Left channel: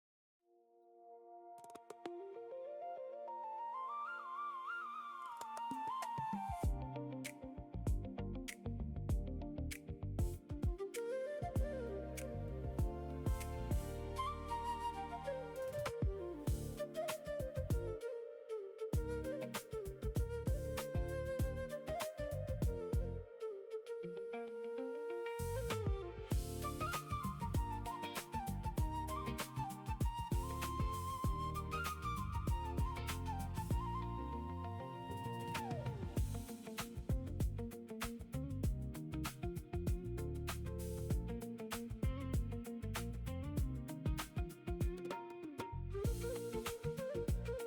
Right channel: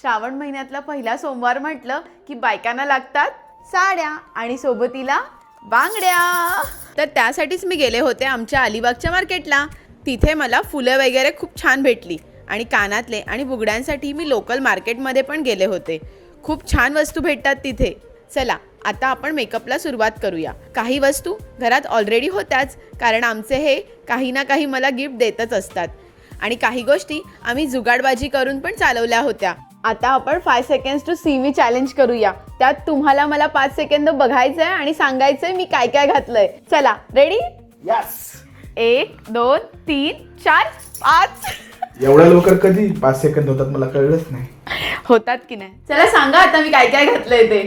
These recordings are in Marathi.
श्रावण महिन्यातला पहिला सोमवार म्हटलं की बायकांना लागतात साड्या आणि सोबतीला बांगड्या। तर त्यासाठीच मी गेले होते आमच्या अलिबागच्या मार्केटला। तिथे मला फुलं वगैरे खूप छान भेटली आणि कानातले आणि बुगड्यांसाठी मी लोकल मार्केटमध्ये पण गेले होते। खूप छान वस्तू भेटतात तिथे। चला आता आपण मेकअपला सुरुवात करूया। काही वस्तू घरात ऑलरेडी होत्याच, कारण आमचे हे काही ना काही मला गिफ्ट देतच असतात आणि काही गोष्टी आम्ही जुगाडबाजी करून पण चालवल्या होत्या। आता आपण 5 seconds to see me challenge करूया। त्यात तुम्हाला मला 5 सेकंद बघायचंय आणि सांगायचंय मी काय काय घातलंय। चला रेडी? यस। 1 2 3 4 5 एवढ्या लवकर कधी 5 सेकंद होतात मला कळलंच नाही। होतात की नाही? चला सांगा आता मी काय काय घातलंय ते।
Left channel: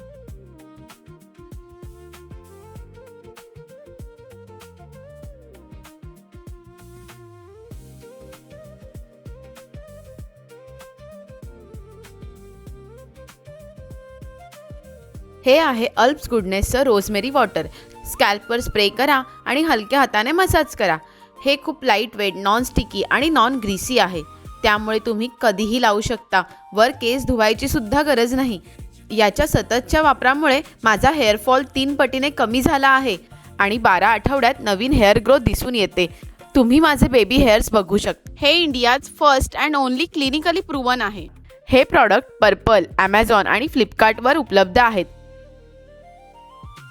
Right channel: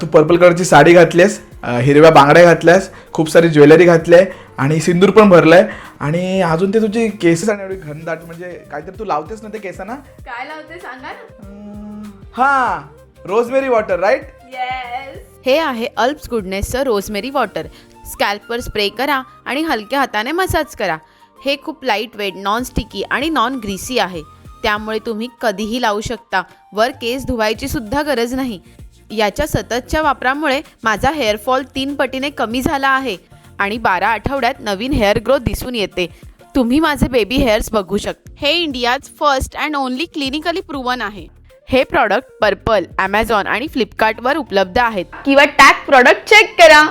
तू पर्पल कलरची साडी घातलीस, हिरव्या बांगड्या घातल्यास, खूप सारी ज्वेलरी घातली आणि सिंदूर पण भरलाय आणि अजून ते तुझी केस आणि एवढी घनदाट, म्हणजे काहीतरी तू लावतेस ना ते केसांना। काय लावते सांगा ना। हा, रोजमेरी वॉटर, राईट? येस। हे आहे अल्प्स गुडनेसचं रोजमेरी वॉटर। स्कॅल्पवर स्प्रे करा आणि हलक्या हाताने मसाज करा। हे खूप लाईट वेट, नॉन स्टिकी आणि नॉन ग्रीसी आहे, त्यामुळे तुम्ही कधीही लावू शकता। वर केस धुवायची सुद्धा गरज नाही। याच्या सततच्या वापरामुळे माझा हेअरफॉल 3 पटीने कमी झाला आहे आणि 12 आठवड्यात नवीन हेअर ग्रोथ दिसून येते। तुम्ही माझे बेबी हेअर्स बघू शकता। हे India's first and only clinically proven आहे। हे प्रॉडक्ट पर्पल, ॲमेझॉन आणि फ्लिपकार्टवर उपलब्ध आहेत, किंवा टॅग प्रॉडक्ट चेक करा।